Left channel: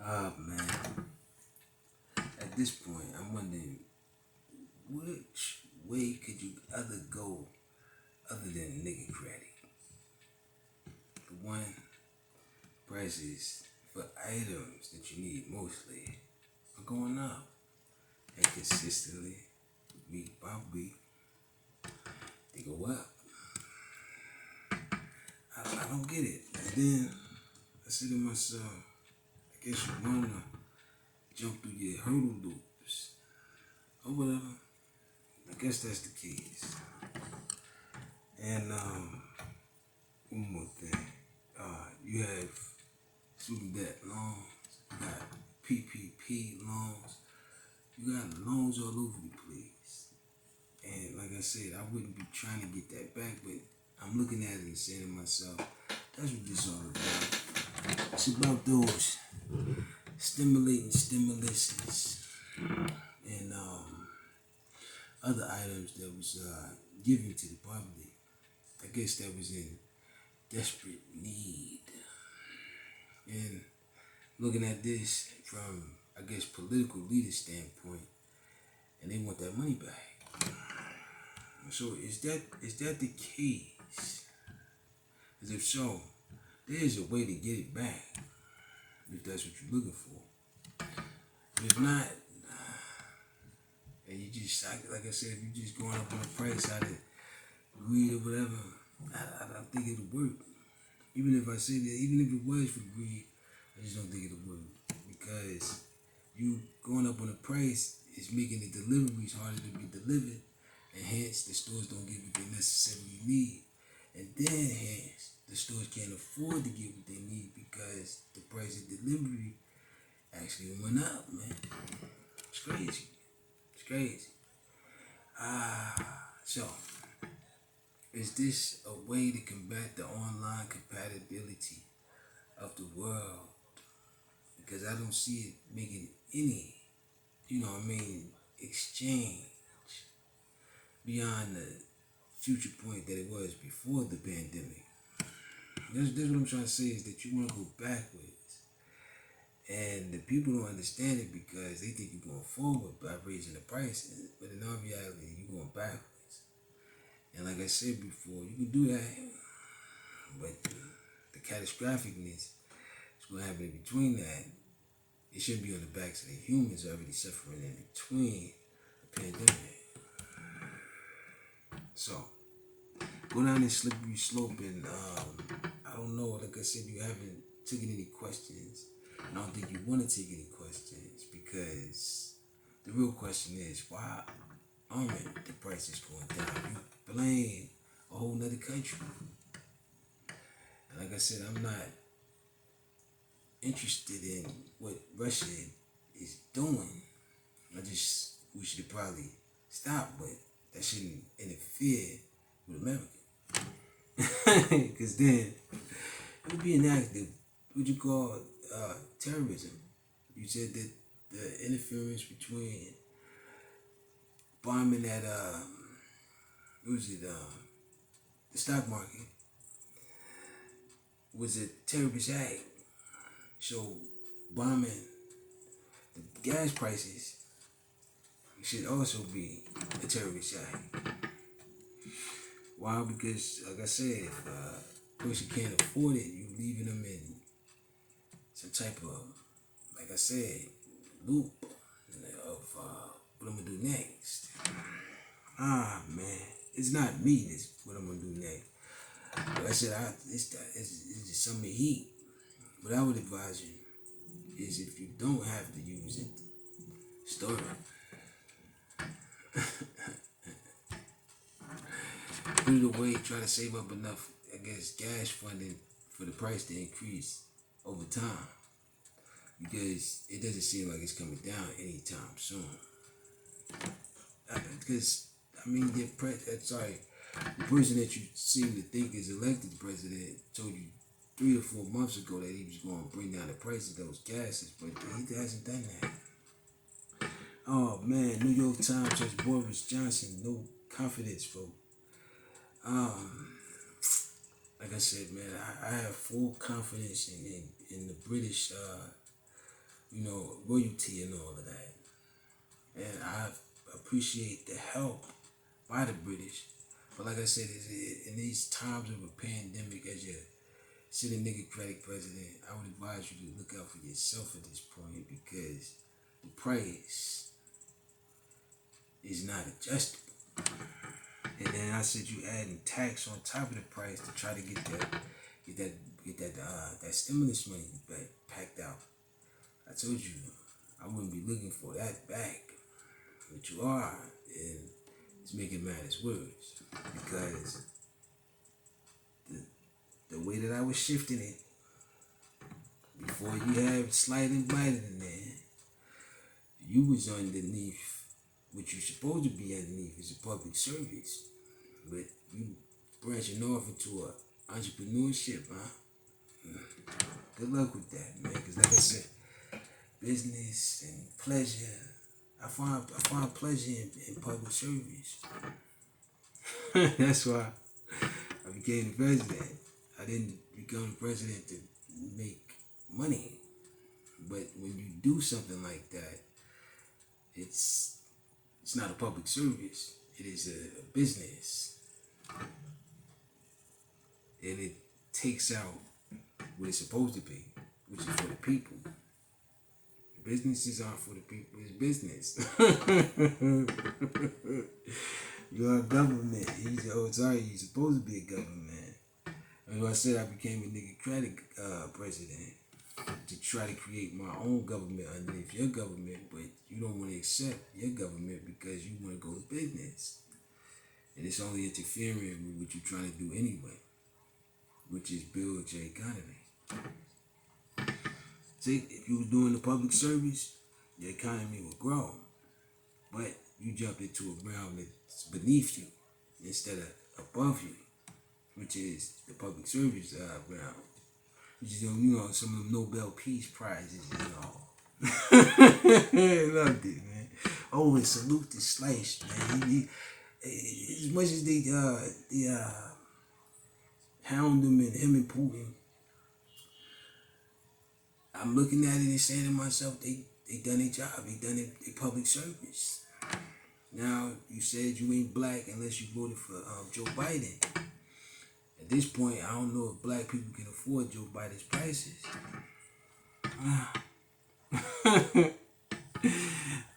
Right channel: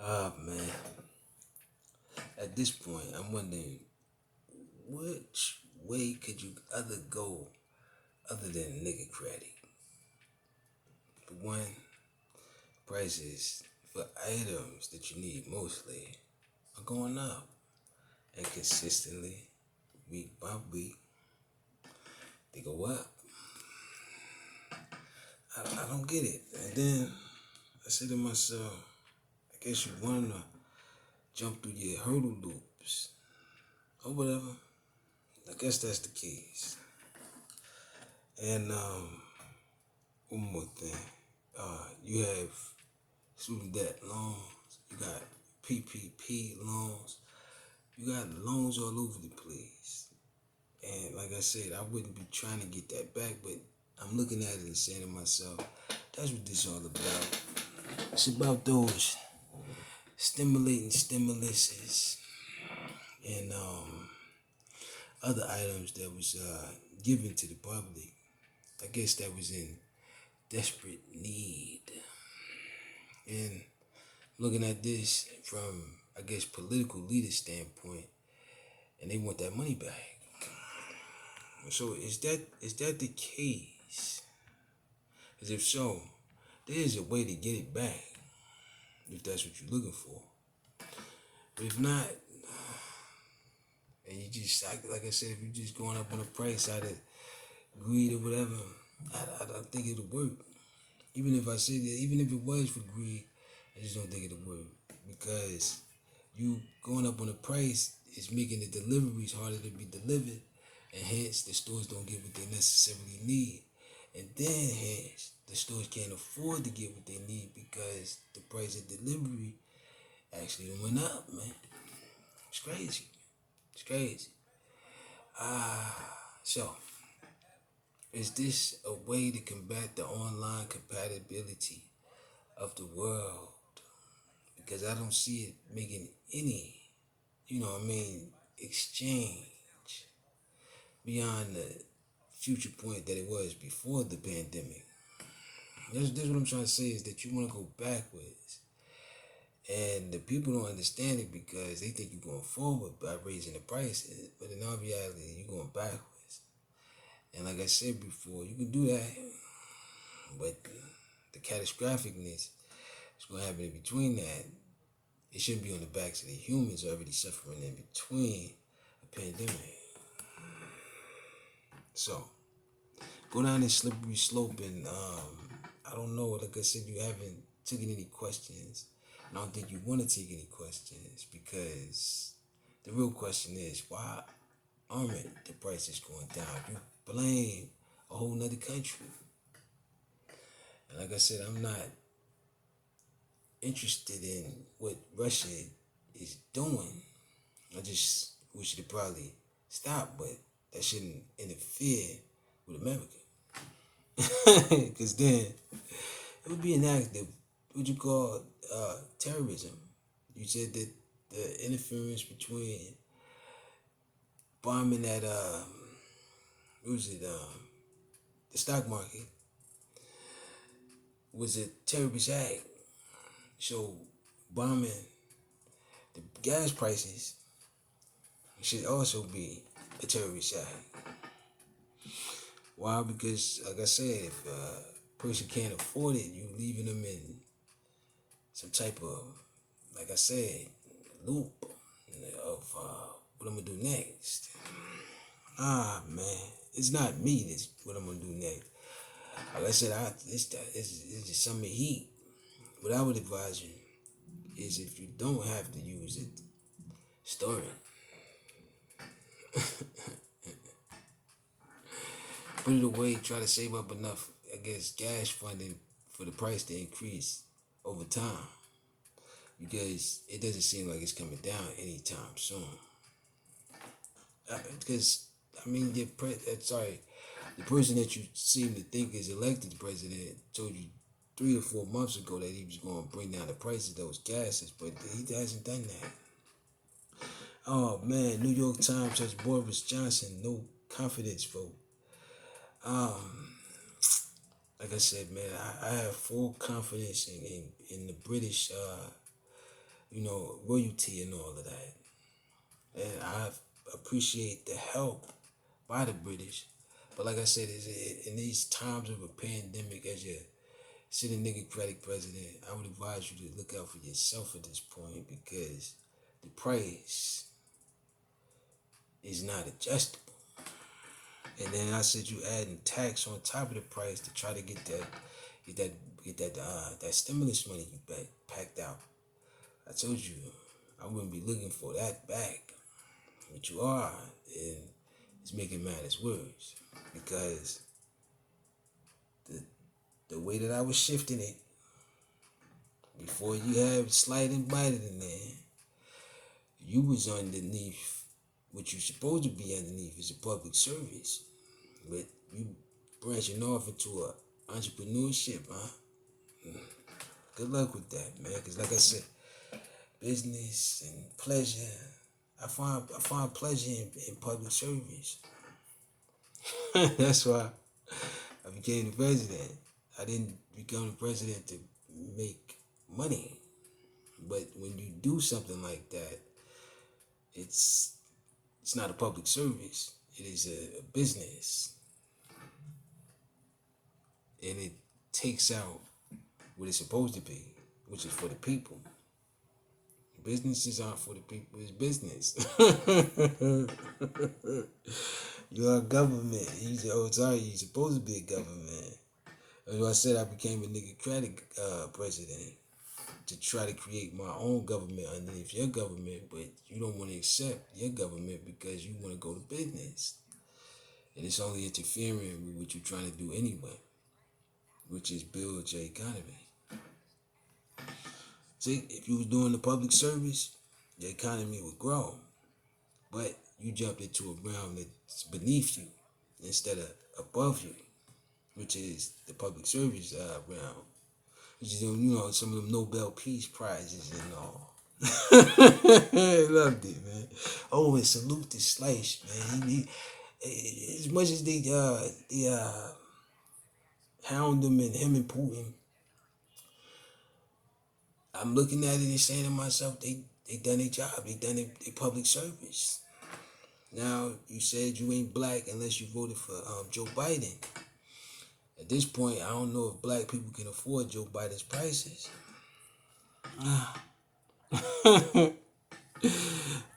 Man, at this point, I'm wondering which way could you other go other than nigga credit? For one, prices for items that you need mostly are going up and consistently, week by week, they go up. I don't get it. And then I say to myself, I guess you wanna jump through your hurdle loops or whatever. I guess that's the case. And one more thing. You have student debt loans, you got PPP loans, you got loans all over the place. And like I said, I wouldn't be trying to get that back, but I'm looking at it and saying to myself, that's what this all about. It's about those stimulating stimuluses and other items that was given to the public. I guess that was in desperate need. And looking at this from, I guess, political leader standpoint, and they want that money back. So is that the case? Because if so, there is a way to get it back if that's what you're looking for. But if not, and you just like I said, if you're just going up on the price out of greed or whatever, I don't think it'll work. Even if I say that, even if it was for greed, I just don't think it'll work because you going up on the price is making the deliveries harder to be delivered, and hence the stores don't get what they necessarily need, and then hence the stores can't afford to get what they need because the price of delivery actually went up, man. It's crazy. It's crazy. So is this a way to combat the online compatibility of the world? Because I don't see it making any, exchange beyond the future point that it was before the pandemic. That's what I'm trying to say is that you want to go backwards. And the people don't understand it because they think you're going forward by raising the prices. But in all reality, you're going backwards. And like I said before, you can do that. But the catastrophicness is going to happen in between that. It shouldn't be on the backs of the humans already suffering in between the pandemic. So, go down this slippery slope and I don't know, like I said, you haven't taken any questions. I don't think you want to take any questions because the real question is why aren't the prices going down? You blame a whole nother country. And like I said, I'm not interested in what Russia is doing. I just wish it probably stop, but that shouldn't interfere with America. Because then it would be an act of what you call terrorism. You said that the interference between bombing at the stock market was a terrorist act. So bombing the gas prices should also be a terrorist act. Why? Because like I said, if a person can't afford it, you leaving them in some type of, like I said, loop of what I'm gonna do next. Man, it's not me. That's what I'm gonna do next. Like I said, it's just some heat. What I would advise you is if you don't have to use it, store it. Put it away. Try to save up enough, I guess, gas funding for the price to increase over time because it doesn't seem like it's coming down anytime soon. Because the person that you seem to think is elected president told you 3 or 4 months ago that he was going to bring down the price of those gases, but he hasn't done that. Oh man, New York Times has Boris Johnson no confidence vote. Like I said, man, I have full confidence in the British royalty and all of that. And I appreciate the help by the British. But like I said, in these times of a pandemic, as your sitting Democratic president, I would advise you to look out for yourself at this point, because the price is not adjustable. And then I said you adding tax on top of the price to try to get that stimulus money you packed out. I told you I wouldn't be looking for that back, but you are, and it's making matters worse, because the way that I was shifting it before you had Slide and Biden in there, you was underneath what you supposed to be underneath is a public service, but you branching off into a entrepreneurship, huh? Good luck with that, man. Because like I said, business and pleasure, I find pleasure in public service. That's why I became the president. I didn't become the president to make money, but when you do something like that, it's not a public service. It is a business, and it takes out what it's supposed to be, which is for the people. Businesses aren't for the people. It's business. You're a government. You're supposed to be a government. As I said, I became a Democratic president to try to create my own government underneath your government, but you don't want to accept your government because you want to go to business. And it's only interfering with what you're trying to do anyway, which is build your economy. See, if you was doing the public service, the economy would grow. But you jumped into a realm that's beneath you instead of above you, which is the public service realm. Which is, some of them Nobel Peace Prizes and all. I loved it, man. Oh, and salute to Slice, man. As much as they hound him and Putin, I'm looking at it and saying to myself, they done their job. They done their public service. Now, you said you ain't black unless you voted for Joe Biden. At this point, I don't know if black people can afford Joe Biden's prices.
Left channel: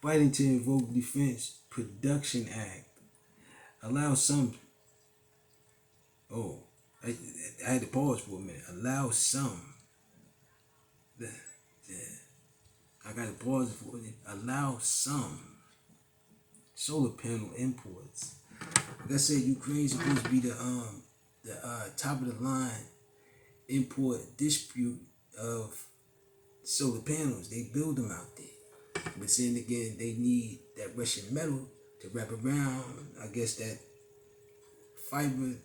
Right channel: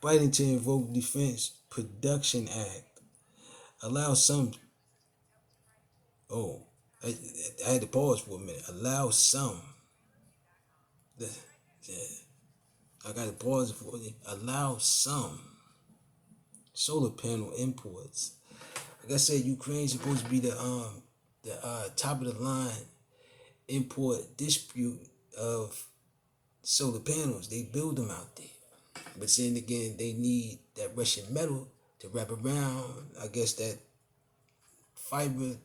Biden to invoke Defense Production Act allows some. Oh, I had to pause for a minute. Allow some. I got to pause for it. Allow some solar panel imports. Like I said, Ukraine's supposed to be the top of the line import dispute of solar panels. They build them out there, but then again, they need that Russian metal to wrap around. I guess that fiber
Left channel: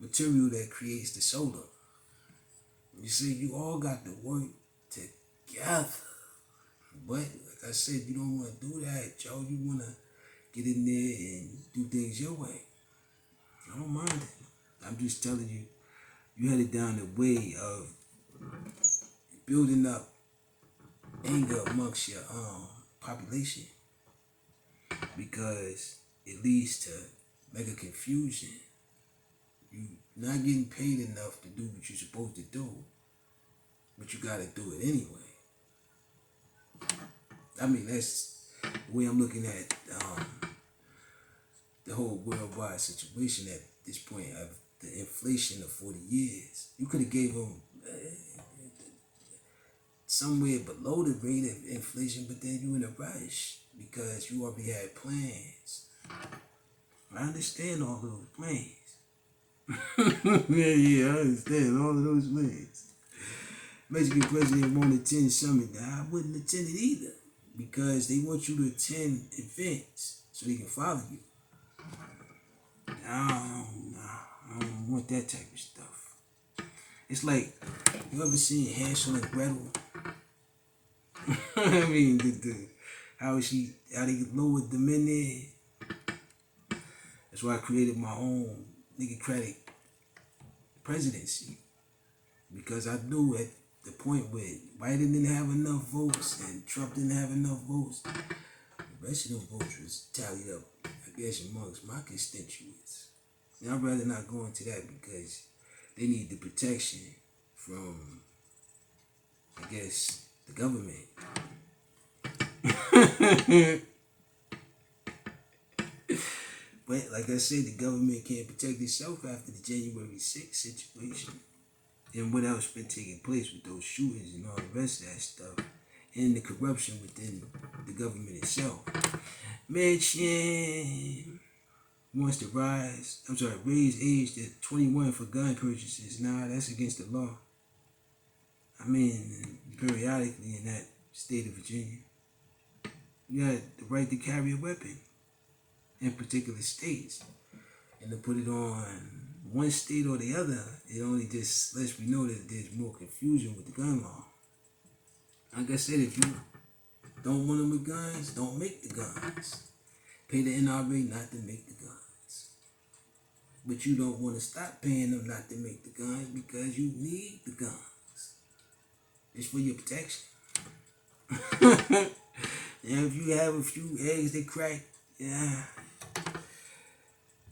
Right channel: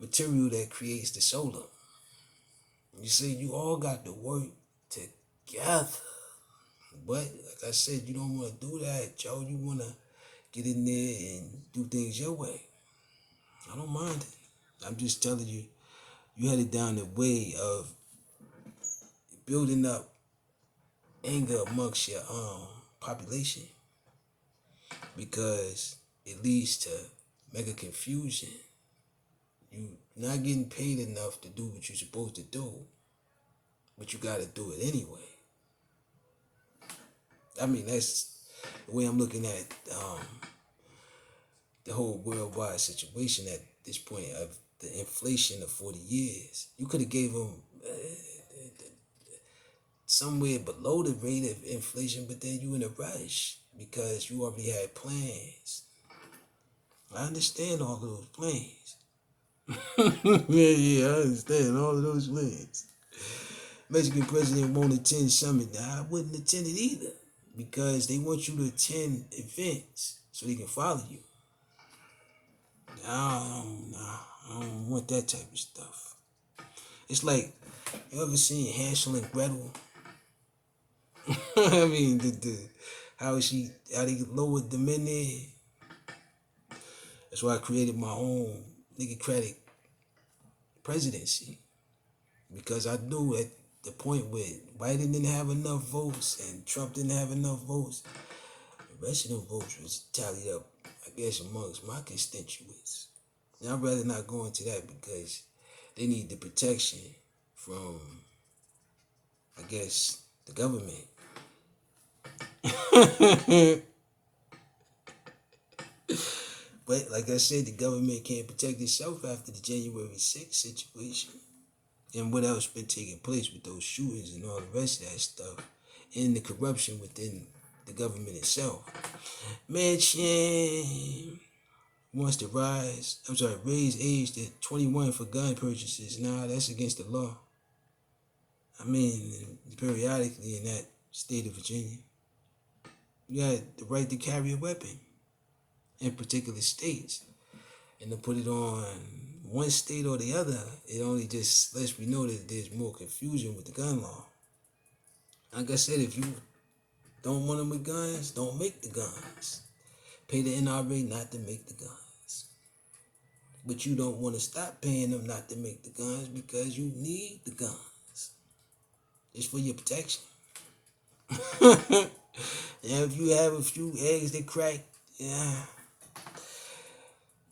material that creates the solar. You see, you all got to work together. But like I said, you don't want to do that, Joe. You want to get in there and do things your way. I don't mind it. I'm just telling you, you headed down the way of building up anger amongst your population, because it leads to mega confusion. You not getting paid enough to do what you're supposed to do, but you got to do it anyway. I mean, that's the way I'm looking at the whole worldwide situation at this point of the inflation of 40 years. You could have gave them somewhere below the rate of inflation, but then you in a rush because you already had plans. I understand all those plans. yeah, I understand all of those plans. Mexican president won't attend summit. Now, I wouldn't attend it either, because they want you to attend events so they can follow you. I don't want that type of stuff. It's like, you ever seen Hansel and Gretel? I mean, how they lowered them in there. That's why I created my own Democratic presidency, because I knew that the point where Biden didn't have enough votes and Trump didn't have enough votes, the rest of them votes was tallied up, I guess, amongst my constituents. And I'd rather not go into that because they need the protection from, I guess, the government. But like I said, the government can't protect itself after the January 6th situation and what else been taking place with those shootings and all the rest of that stuff and the corruption within the government itself. Manchin wants to raise age to 21 for gun purchases. Nah, that's against the law. I mean, periodically in that state of Virginia, you got the right to carry a weapon in particular states. And to put it on one state or the other, it only just lets me know that there's more confusion with the gun law. Like I said, if you don't want them with guns, don't make the guns. Pay the NRA not to make the guns. But you don't want to stop paying them not to make the guns because you need the guns. It's for your protection. And if you have a few eggs that crack, yeah,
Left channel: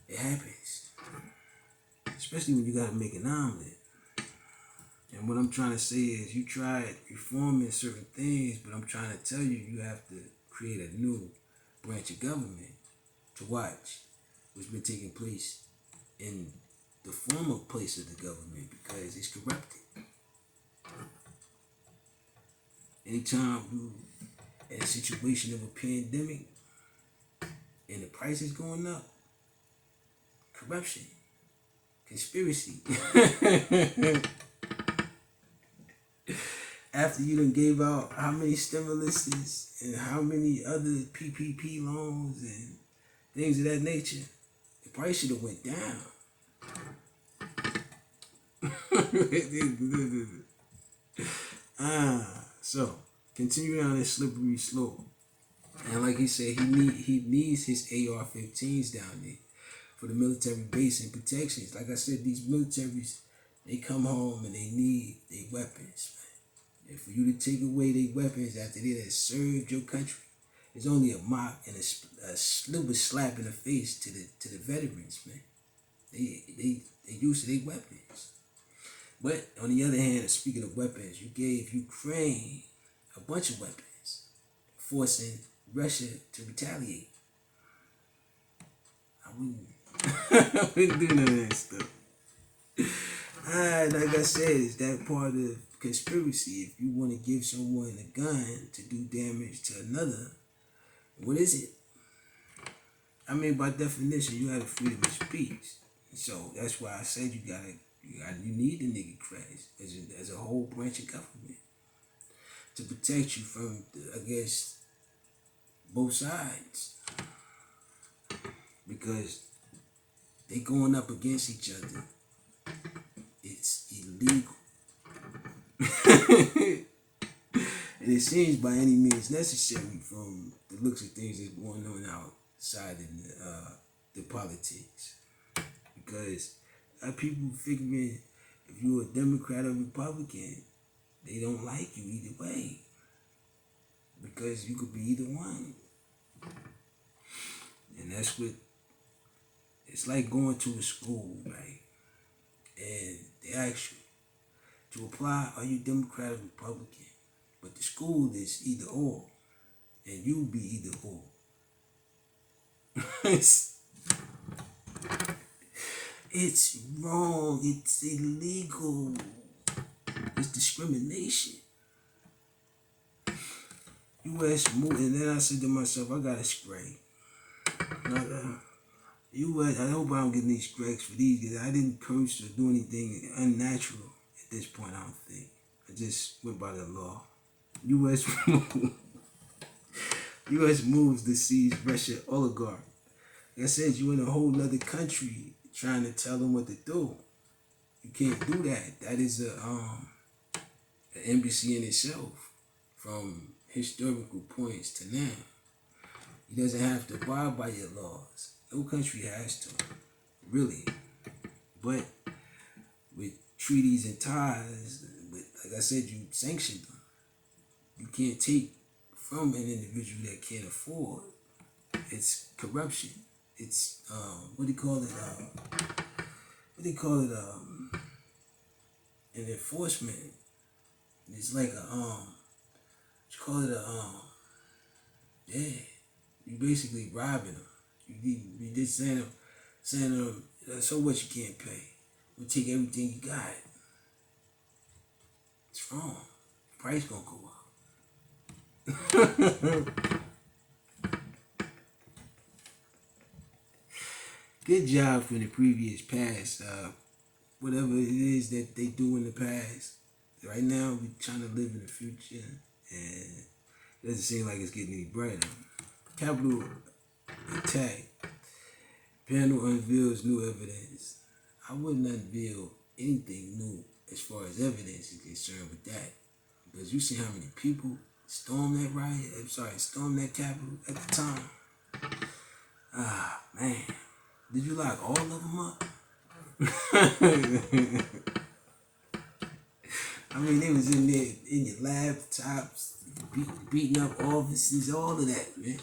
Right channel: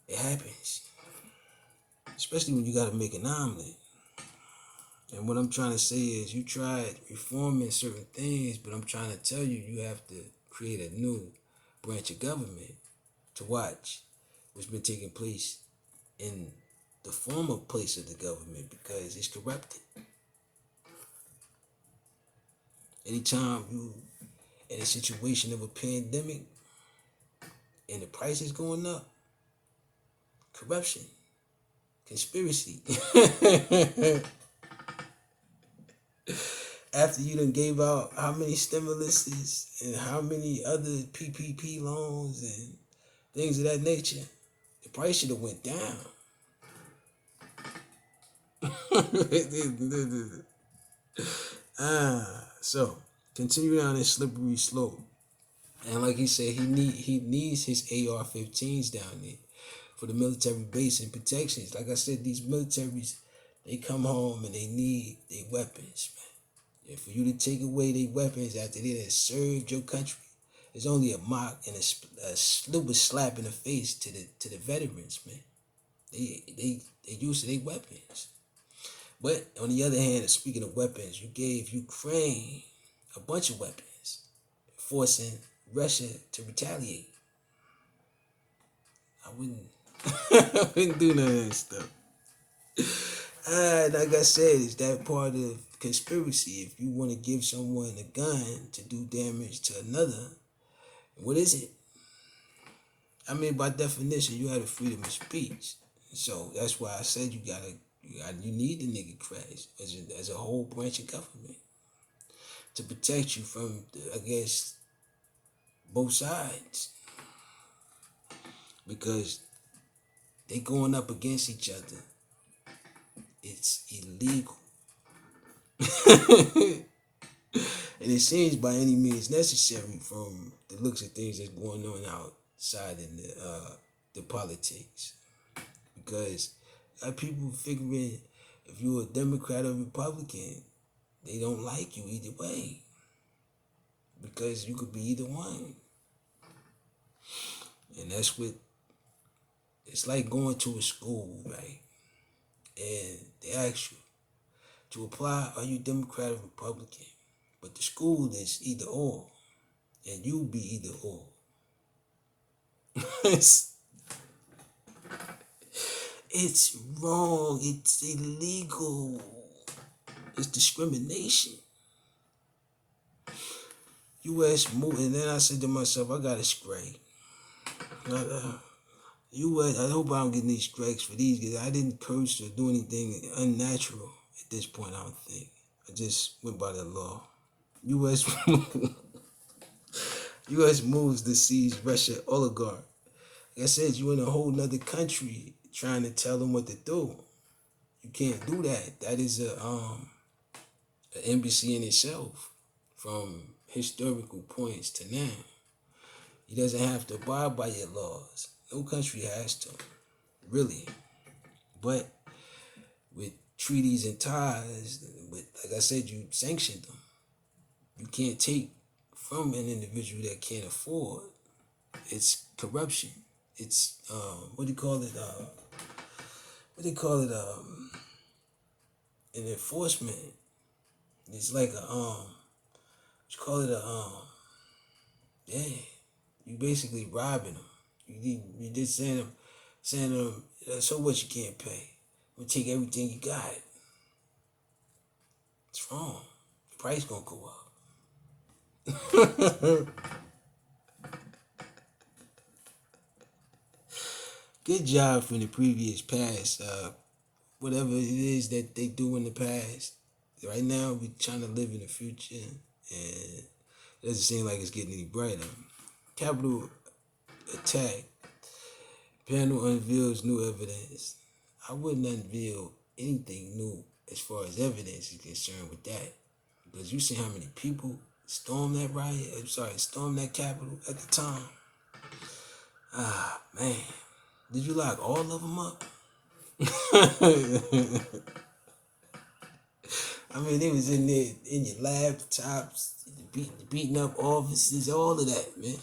it happens. Especially when you got to make an omelet. And what I'm trying to say is you tried reforming certain things, but I'm trying to tell you, you have to create a new branch of government to watch what's been taking place in the former place of the government because it's corrupted. Anytime you in a situation of a pandemic and the price is going up, corruption, conspiracy. After you done gave out how many stimuluses and how many other PPP loans and things of that nature, the price should have went down. So continue down this slippery slope. And like he said, he needs his AR-15s down there for the military base and protections. Like I said, these militaries, they come home and they need their weapons, man. And for you to take away their weapons after they have served your country, it's only a mock and a stupid slap in the face to the veterans, man. They used to their weapons. But on the other hand, speaking of weapons, you gave Ukraine a bunch of weapons, forcing Russia to retaliate. I wouldn't do none of that stuff. Like I said, it's that part of conspiracy. If you want to give someone a gun to do damage to another, what is it? I mean, by definition, you have the freedom of speech. So that's why I said you need the nigga crash as a whole branch of government to protect you from, I guess, both sides. Because they going up against each other. It's illegal. And it seems by any means necessary from the looks of things that's going on outside in the politics. Because people figuring if you're a Democrat or Republican, they don't like you either way. Because you could be either one. And that's what it's like going to a school, right? And they ask you to apply, are you Democrat or Republican? But the school is either or. And you be either or. It's wrong. It's illegal. It's discrimination. U.S. moved, and then I said to myself, I got to scrape. U.S. I hope I don't get any strikes for these because I didn't curse or do anything unnatural at this point. I don't think. I just went by the law. U.S. moves to seize Russia oligarch. Like I said, you in a whole nother country trying to tell them what to do. You can't do that. That is an embassy in itself from historical points to now. He doesn't have to abide by your laws. No country has to, really. But with treaties and ties, But like I said, you sanctioned them. You can't take from an individual that can't afford. It's corruption. It's what do you call it? What do you call it? An enforcement. It's like a what you call it? Yeah. You basically robbing them. You just saying them. So what? You can't pay. We take everything you got. It's wrong. The price gonna go up. Good job from the previous past. Whatever it is that they do in the past. Right now, we're trying to live in the future, and it doesn't seem like it's getting any brighter. Capitol attack. Panel unveils new evidence. I wouldn't unveil anything new as far as evidence is concerned with that. Because you see how many people stormed that stormed that Capitol at the time. Ah, man. Did you lock all of them up? I mean, they was in there, in your laptops, beating up offices, all of that, man.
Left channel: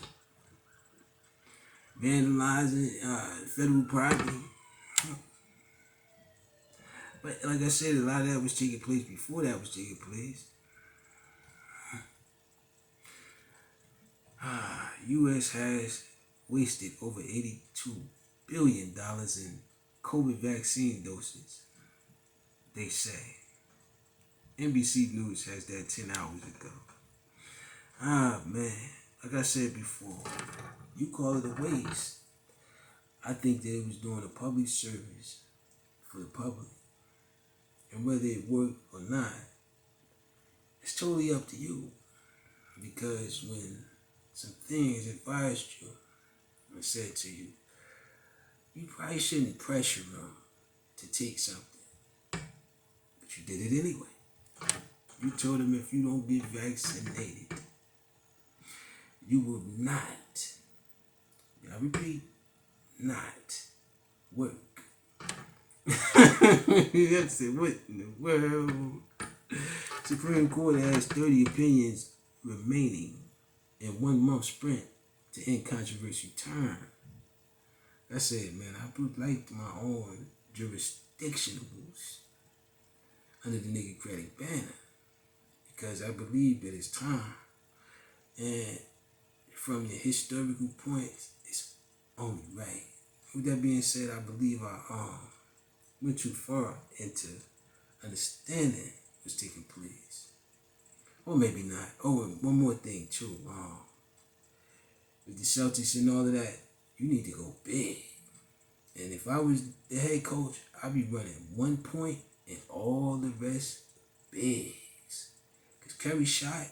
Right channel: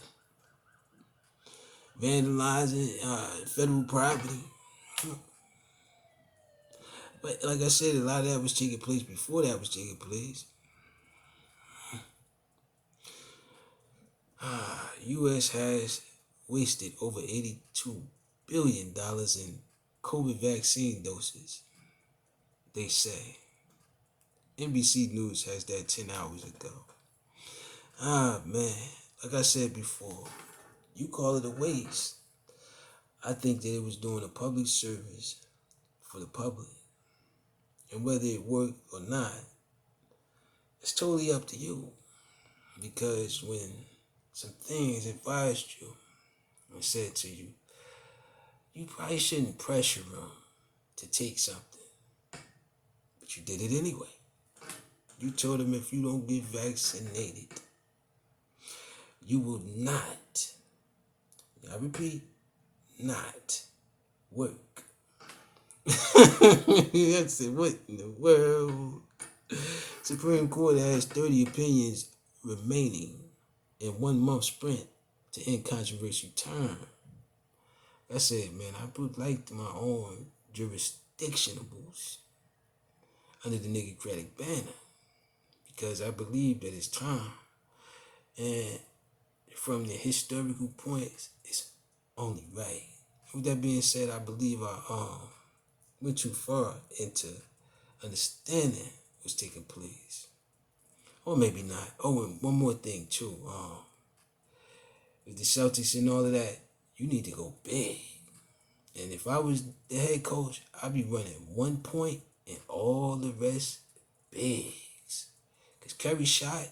Vandalizing federal property. But like I said, a lot of that was taking place before that was taking place. U.S. has wasted over $82 billion in COVID vaccine doses, they say. NBC News has that 10 hours ago. Man, like I said before, you call it a waste. I think that it was doing a public service for the public. And whether it worked or not, it's totally up to you. Because when some things advised you and said to you, you probably shouldn't pressure them to take something. But you did it anyway. You told them if you don't get vaccinated, you will not, I repeat, not work. I said, what in the world? Supreme Court has 30 opinions remaining in 1 month sprint to end controversial term. I said, man, I put like my own jurisdictionables under the Niggercratic banner because I believe that it's time. And from the historical points, it's only right. With that being said, I believe I went too far into understanding what's taking place. Or maybe not. Oh, and one more thing too. With the Celtics and all of that, you need to go big. And if I was the head coach, I'd be running 1 point and all the rest bigs. Because Curry shot,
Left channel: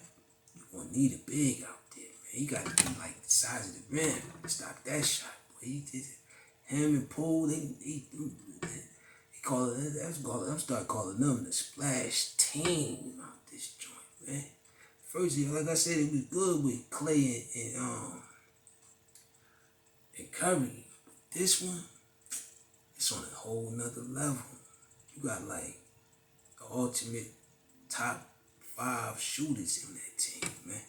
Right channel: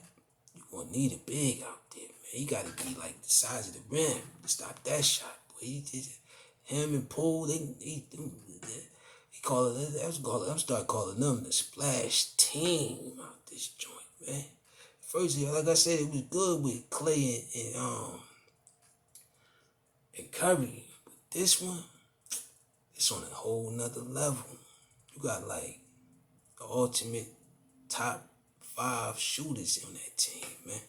you're going to need a big out there, man. He got to be like the size of the rim to stop that shot. Boy, he did it. Him and Poole, he call it, I'm start calling them the splash team out this joint, man. First, like I said, it was good with Clay and Curry. But this one, it's on a whole nother level. You got like the ultimate top 5 shooters on that team, man,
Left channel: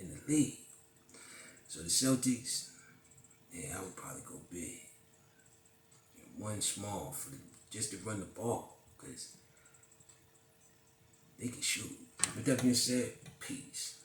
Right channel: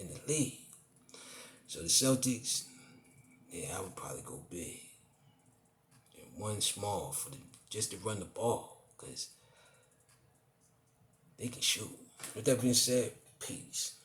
in the league. So the Celtics, yeah, I would probably go big. And 1 small for just to run the ball, because they can shoot. With that being said, peace.